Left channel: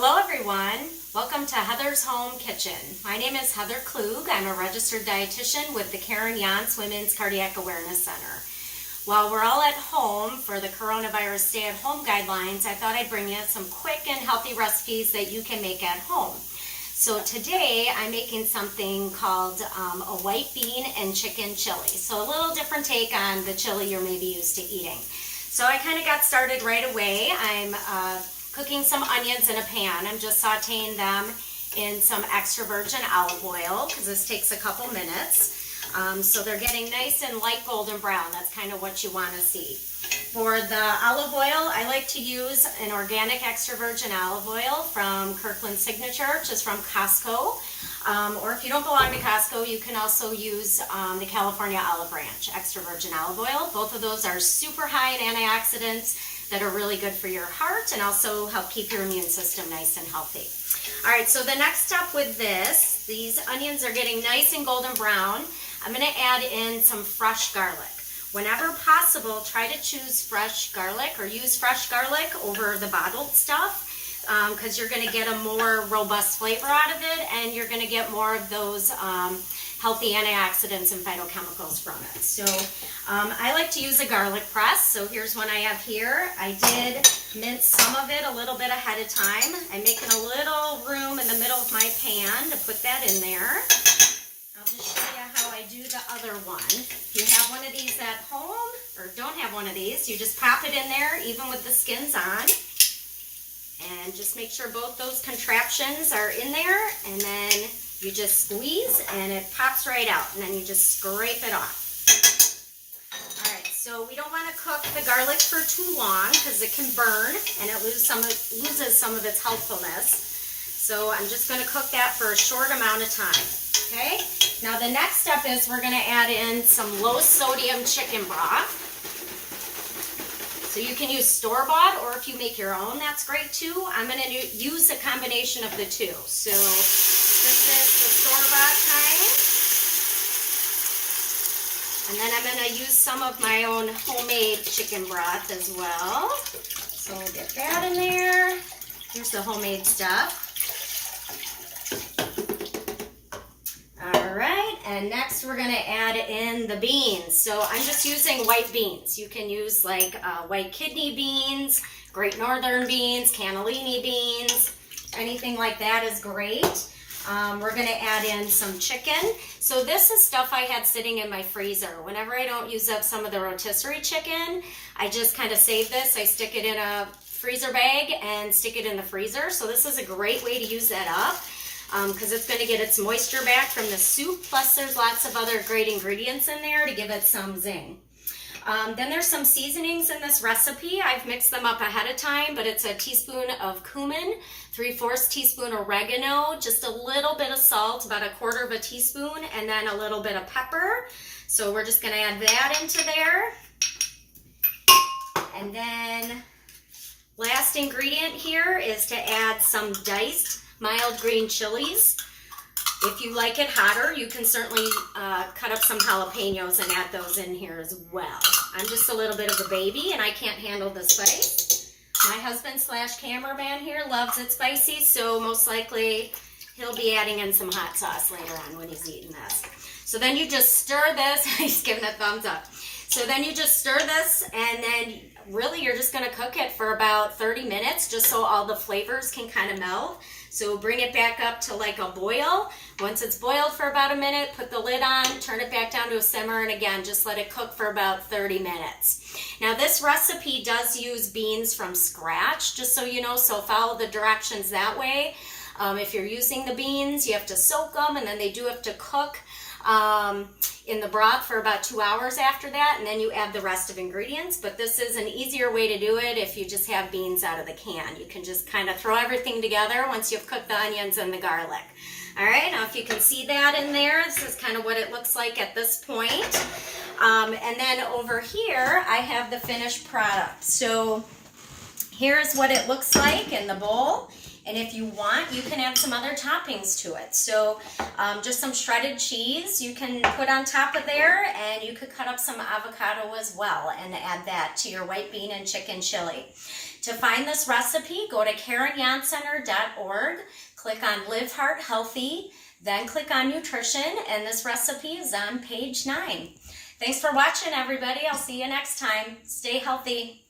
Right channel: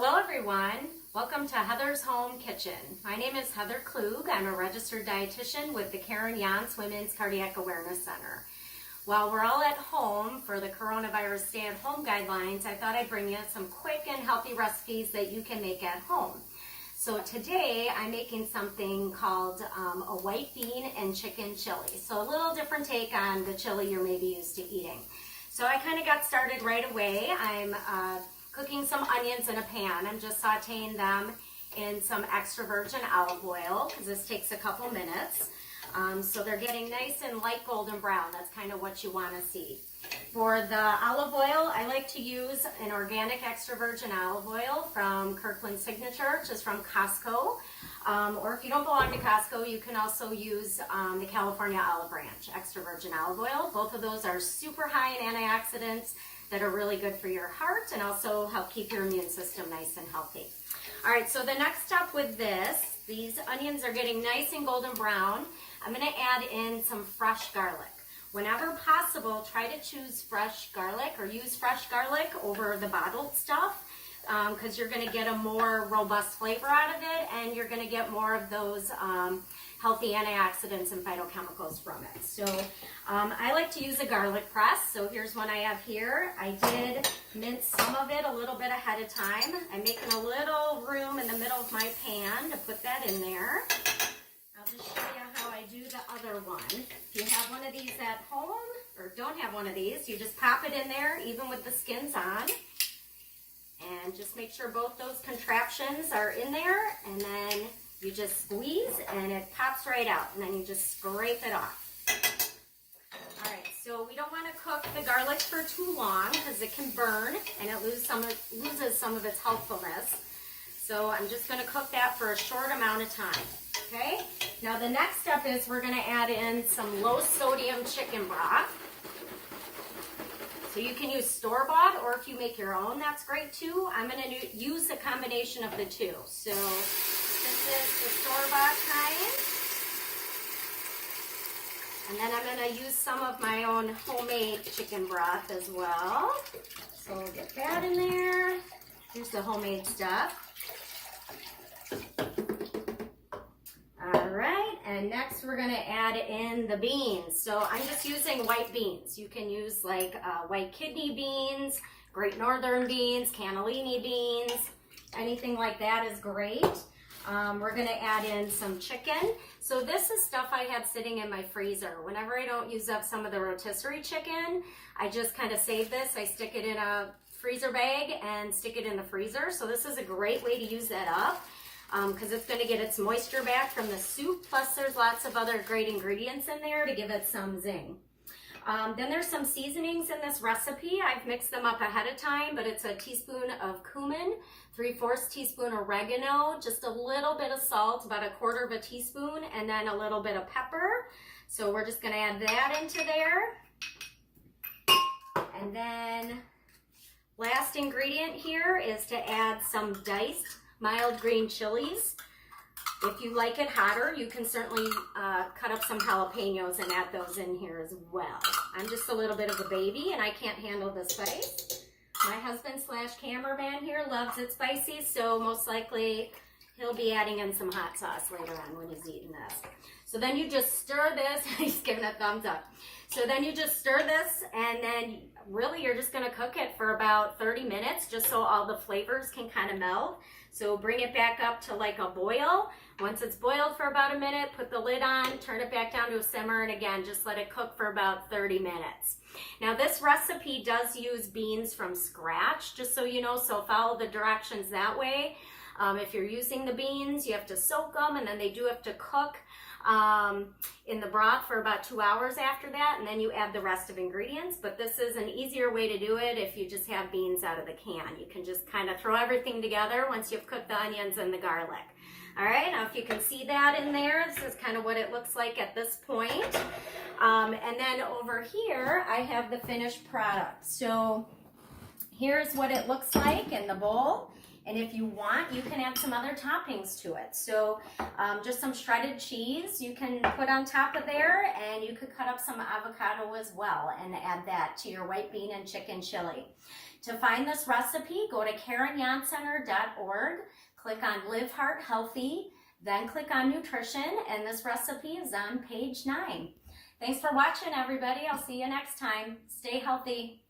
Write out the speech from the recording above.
Hello everyone, welcome to Heather's Home Kitchen. My name is Heather Klug. I'm a registered dietitian with the Karen Yance Women's Cardiac Awareness Center. While we're all at home for the coronavirus stay-at-home guidelines, I thought I'd bring you some quick and healthy recipes that you can make at home. So today I'm making something called a white bean and chicken chili. So a little different take on the chili you're maybe used to eating. So I kind of got started right away. I'm cooking some onions in a pan. I'm just sauteing them in some extra virgin olive oil because this takes a couple minutes. So they're getting nice and light golden brown. That's kind of what you want to see. For the olive oil, I like to use an organic extra virgin olive oil from Kirkland Signature, which is from Costco. Or if you don't belong to Costco, you can also use the California Olive Branch extra virgin olive oil. Both of those are super high in antioxidants that are really good for your heart and also help keep your immune system nice and healthy. All right, so the next step with this, these onions are getting nice and golden brown. I'm going to add in some fresh garlic. Whenever possible, try to choose fresh garlic or use fresh garlic over the bottled stuff because you're going to get a more robust flavor out of it and you're going to get more of those healthy antioxidants and phytochemicals from it. So I like to use a garlic press. So here's one I have here. I did mince some of it a little bit ahead of time. I'm making a little room in the middle of my pan to put that in there. I'll just show you how I do the other one. If you have one of these at home or don't have one of these, you just pop it in there even with the skins on. And just make sure both those contraptions are in there, and then you just squeeze and it pops right out, and then you just scrape it off. All right, so we don't want to cook the garlic for too long because it can burn and it loses some of its healthfulness. So I'm just going to cook that for a short amount of time. Okay, now the next step is we're going to add in some low sodium chicken broth. So you can use store-bought, or if you make your own, that's great too. I'm going to use a combination of the two. So this is the store-bought kind. And then I'm going to use some of my own homemade chicken broth as well. So we'll get that in there. Here's the homemade stuff. All right, and next we're going to add in the beans. So I'm just using white beans. You can use like white kidney beans, Great Northern beans, cannellini beans, anything like that is great. We're going to add in some chicken. So this is stuff I had sitting in my freezer. Whenever I don't use up some of the rotisserie chicken, I just kind of save this. I stick it in a freezer bag and stick it in the freezer. So this is a great way to use that up. Because it's going to get its moisture back from the soup, plus there's lots of other great ingredients in there to give it some zing. Then there's some seasonings in this recipe. I've mixed them up ahead of time, but it's a teaspoon of cumin, 3/4 teaspoon oregano, just a little bit of salt, about 1/4 teaspoon, and then a little bit of pepper. So we're just going to add that into there. And then last ingredient here is to add some diced mild green chilies. If you like it hotter, you can certainly cut up some jalapenos and add those in here as well. I'm just a little bit of a baby and I can't handle the spice. My husband / cameraman here loves it spicy, so most likely he'll be adding in some hot sauce later on when he's eating this. So then you just stir this. He's giving a thumbs up. So then you just stir this, and then really you're just going to cook it for about 30 minutes just so all the flavors can kind of melt. So bring it back up to like a boil. Once it's boiled for about a minute, put the lid on, turn it back down to a simmer, and again, just let it cook for about 30 minutes. Now this recipe does use beans from scratch, just so you know, so follow the directions that way. If you're using the beans, you have to soak them, and then they do have to cook in the broth for about 2 hours after that, and then you add the rest of ingredients. But this is an easier way to do it if you just have beans out of the can. You can just kind of throw everything together once you've cooked the onions and the garlic. All right, now if you can see that in there, this is kind of what it looks like at this point. And then over here, I have the finished product. So here's what it looks like in the bowl. And if you want, you can add some other toppings to it. So just some shredded cheese you can put on top of there, and you could cut up some avocado as well and add that to your white bean and chicken chili. To find this recipe, go to KarenJansCenter.org, click on Live Heart Healthy, then click on Nutrition, and this recipe is on page 9. Thanks for watching, everybody. I'll see you next time. Stay healthy.